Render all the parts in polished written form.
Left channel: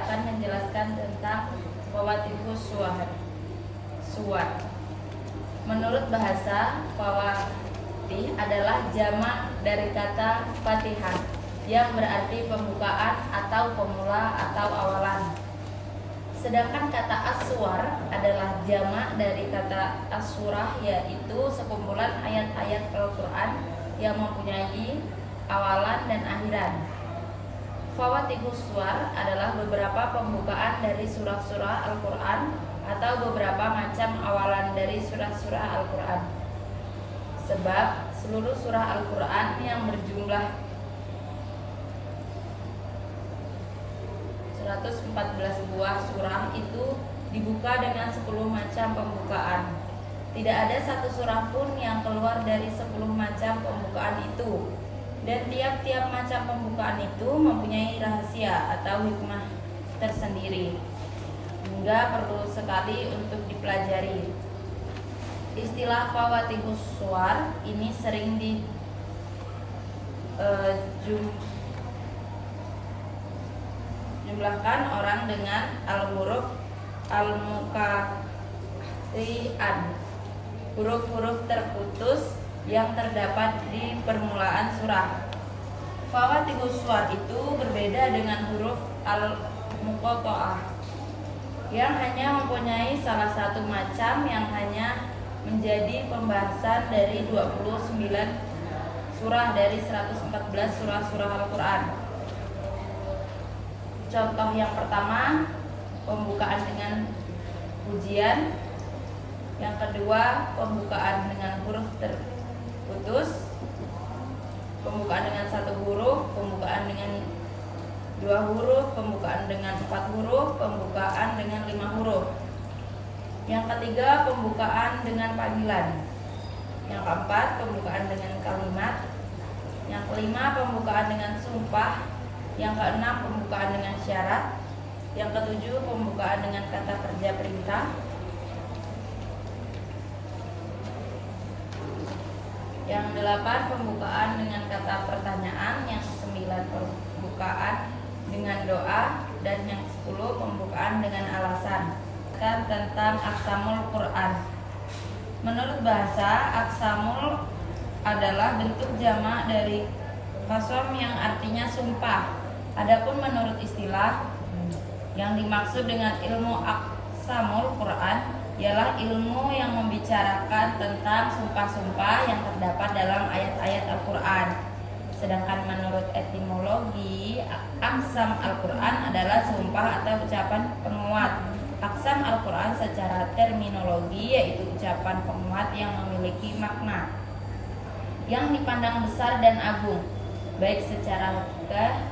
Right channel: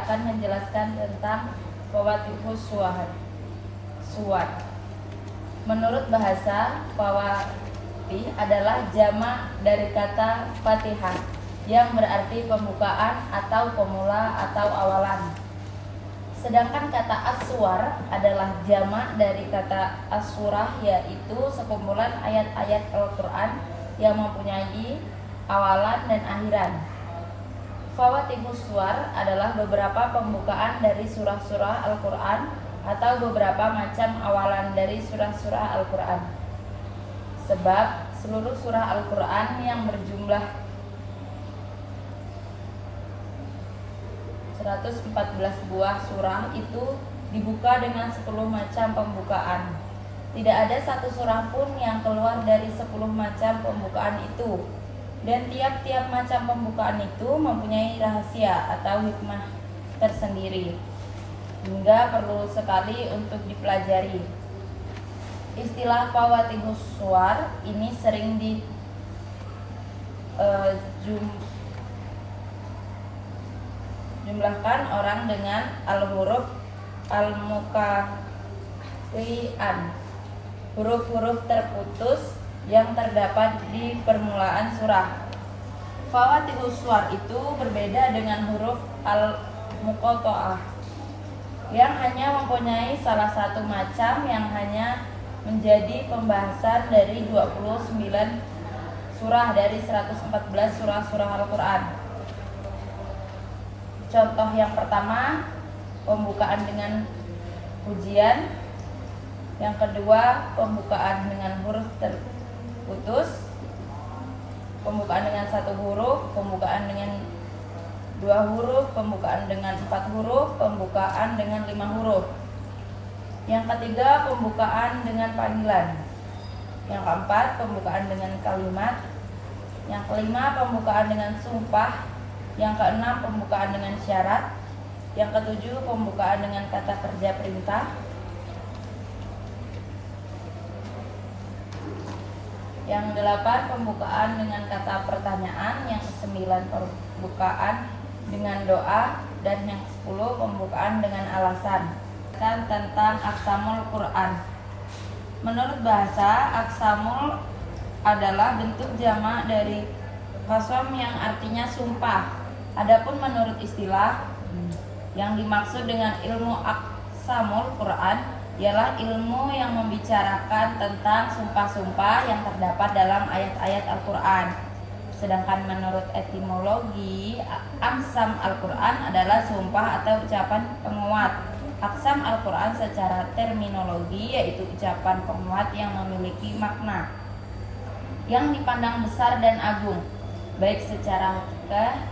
saya akan menjelaskan tentang fawatihus suwar. Menurut bahasa, fawatih adalah jamak dari kata fatihah yang berarti pembukaan atau pemula atau awalan. Sedangkan kata aswar adalah jamak dari kata asurah, yaitu sekumpulan ayat-ayat Al-Quran yang mempunyai awalan dan akhiran. Fawatihus suwar adalah beberapa pembukaan dari surah-surah Al-Quran atau beberapa macam awalan dari surah-surah Al-Quran. Sebab seluruh surah Al-Quran yang berjumlah 114 buah surah itu dibuka dengan 10 macam pembukaan. Tidak ada satu surah pun yang keluar dari 10 macam pembukaan itu. Dan tiap-tiap macam pembukaan itu mempunyai rahasia atau hikmah tersendiri, hingga perlu sekali untuk dipelajari. Istilah fawatihus suwar ini sering jumlahkan orang dengan al-huruf al-muqatti'an, huruf-huruf terputus yang terdapat di permulaan surah. Fawatihus suwar itu berbeda dengan huruf al-muqatta'ah yang hanya mempunyai salah satu macam yang hanya menjadi pembahasan dari 29 surah dari 114 surah-surah Al-Quran. Contoh yang pertama, pembukaan dengan pujian. Yang kedua, pembukaan dengan huruf terputus, pembukaan dengan satu huruf, pembukaan dengan 2 huruf, pembukaan dengan 4 huruf, pembukaan dengan 5 huruf. Yang ketiga, pembukaan dengan panggilan. Yang keempat, pembukaan dengan kalimat. Yang kelima, pembukaan dengan sumpah. Yang keenam, pembukaan dengan syarat. Yang ketujuh, pembukaan dengan kata kerja perintah. Yang delapan, pembukaan dengan kata pertanyaan. Yang kesembilan, pembukaan dengan doa. Dan yang 10, pembukaan dengan alasan. Tentang aksamul Quran. Menurut bahasa, aksamul adalah bentuk jamak dari qasam yang artinya sumpah. Adapun menurut istilah, yang dimaksud dengan ilmu aksamul Quran ialah ilmu yang membicarakan tentang sumpah-sumpah yang terdapat dalam ayat-ayat Al-Quran. Sedangkan menurut etimologi, aksam Al-Quran adalah sumpah atau ucapan penguat. Aksam Al-Quran secara terminologi yaitu ucapan penguat yang memiliki makna yang dipandang besar dan agung, baik secara hakikah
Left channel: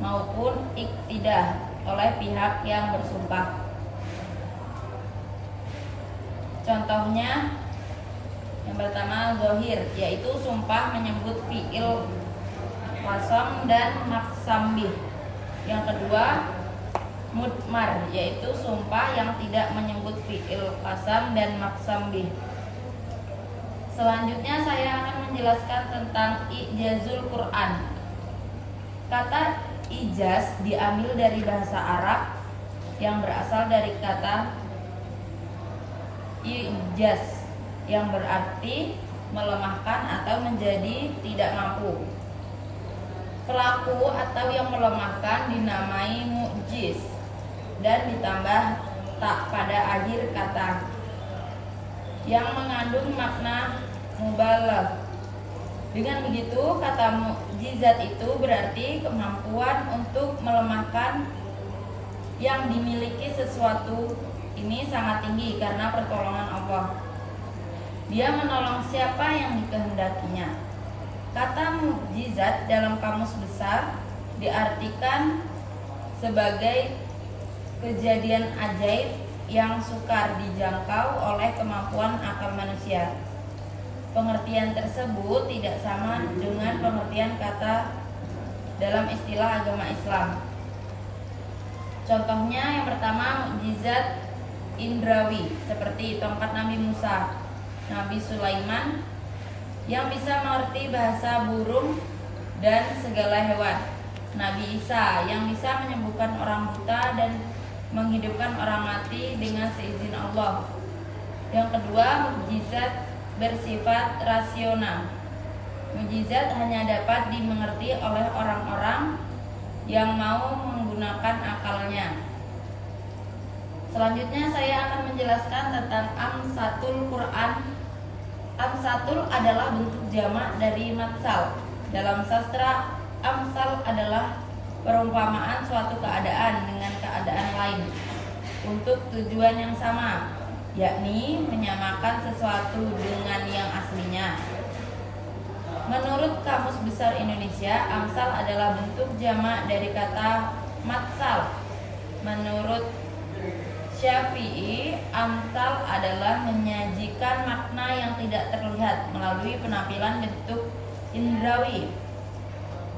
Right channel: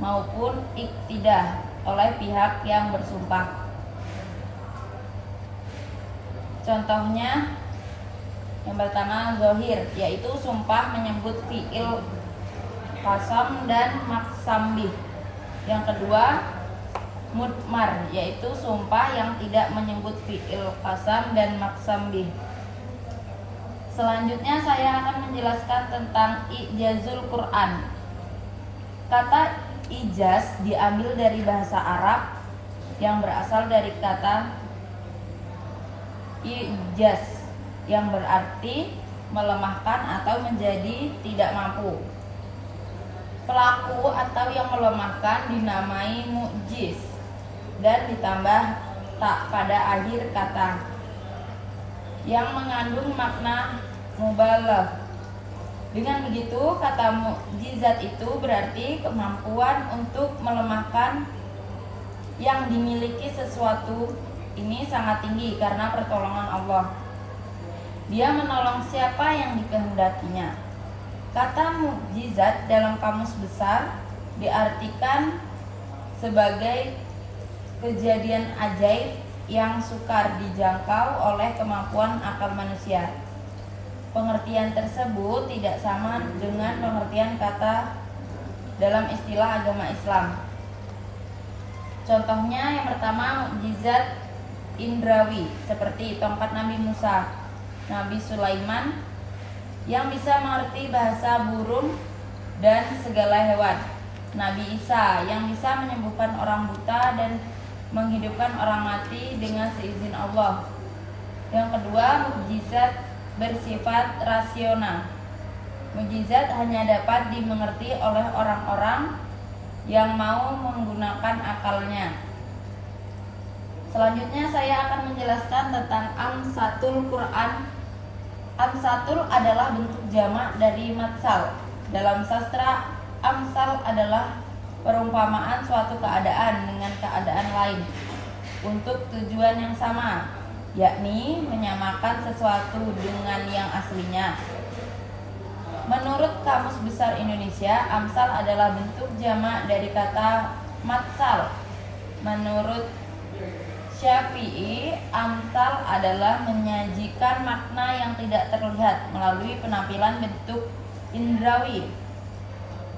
maupun iktidah oleh pihak yang bersumpah. Contohnya, yang pertama zahir, yaitu sumpah menyebut fi'il qasam dan maksam bih. Yang kedua, mudmar, yaitu sumpah yang tidak menyebut fi'il qasam dan maksam bih. Selanjutnya saya akan menjelaskan tentang ijazul Quran. Kata ijaz diambil dari bahasa Arab yang berasal dari kata ijaz yang berarti melemahkan atau menjadi tidak mampu. Pelaku atau yang melemahkan dinamai mu'jiz dan ditambah tak pada akhir kata yang mengandung makna mubalagh. Dengan begitu, kata mukjizat itu berarti kemampuan untuk melemahkan yang dimiliki sesuatu ini sangat tinggi karena pertolongan Allah. Dia menolong siapa yang dikehendakinya. Kata mukjizat dalam kamus besar diartikan sebagai kejadian ajaib yang sukar dijangkau oleh kemampuan akal manusia. Pengertian tersebut tidak sama dengan pengertian kata dalam istilah agama Islam. Contohnya yang pertama, mukjizat indrawi seperti tongkat Nabi Musa, Nabi Sulaiman yang bisa mengerti bahasa burung dan segala hewan. Nabi Isa yang bisa menyembuhkan orang buta dan menghidupkan orang mati dengan seizin Allah. Yang kedua, mukjizat bersifat rasional. Mukjizat hanya dapat dimengerti oleh orang-orang yang mau menggunakan akalnya. Selanjutnya saya akan menjelaskan tentang amsatul Quran. Amsatul adalah bentuk jamak dari matsal. Dalam sastra, amsal adalah perumpamaan suatu keadaan dengan keadaan lain untuk tujuan yang sama, yakni menyamakan sesuatu dengan yang aslinya. Menurut Kamus Besar Indonesia, amsal adalah bentuk jamak dari kata matsal. Menurut Syafi'i, amsal adalah menyajikan makna yang tidak terlihat melalui penampilan bentuk indrawi,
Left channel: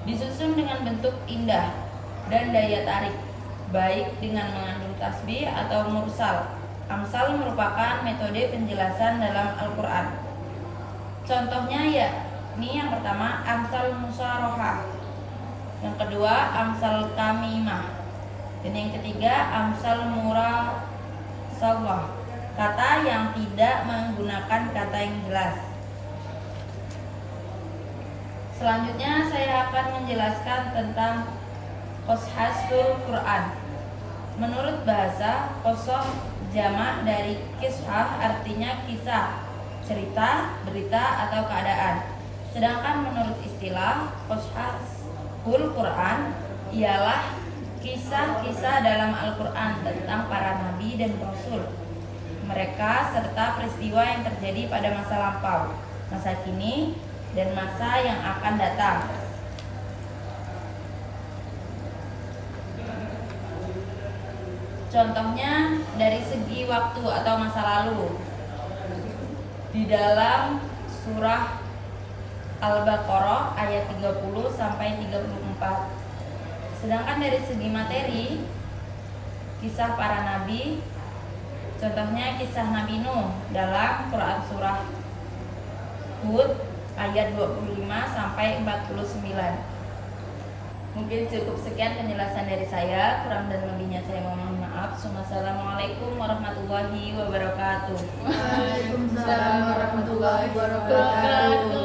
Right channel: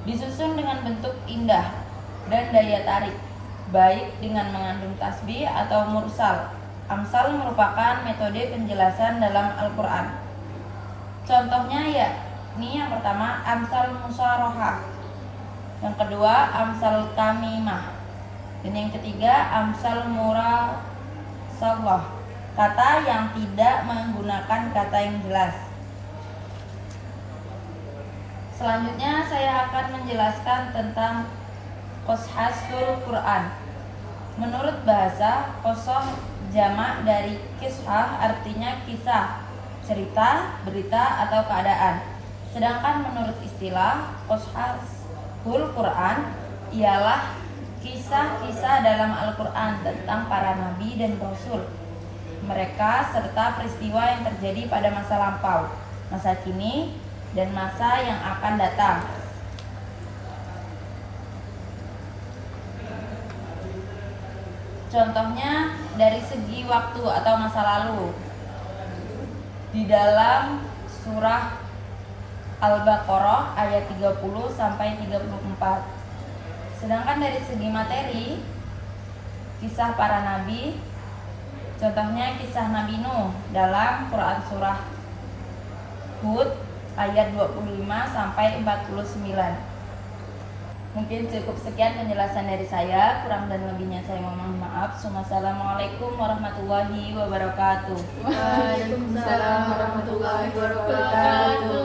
disusun dengan bentuk indah dan daya tarik, baik dengan mengandung tasbih atau mursal. Amsal merupakan metode penjelasan dalam Al-Quran. Contohnya yakni yang pertama amsal musyarohah, yang kedua amsal kamimah, dan yang ketiga amsal murasalah, kata yang tidak menggunakan kata yang jelas. Selanjutnya saya akan menjelaskan tentang qashasul Quran. Menurut bahasa, qasah jamak dari kisah, artinya kisah, cerita, berita atau keadaan. Sedangkan menurut istilah, qashasul Quran ialah kisah-kisah dalam Al-Quran tentang para nabi dan rasul, mereka serta peristiwa yang terjadi pada masa lampau, masa kini, dan masa yang akan datang. Contohnya dari segi waktu atau masa lalu, di dalam surah Al-Baqarah ayat 30 sampai 34. Sedangkan dari segi materi, kisah para nabi, contohnya kisah Nabi Nuh dalam Quran surah Hud ayat 25 sampai 49. Mungkin cukup sekian penjelasan dari saya, kurang dan lebihnya saya mohon maaf. Wassalamualaikum warahmatullahi wabarakatuh. Waalaikumsalam warahmatullahi wabarakatuh.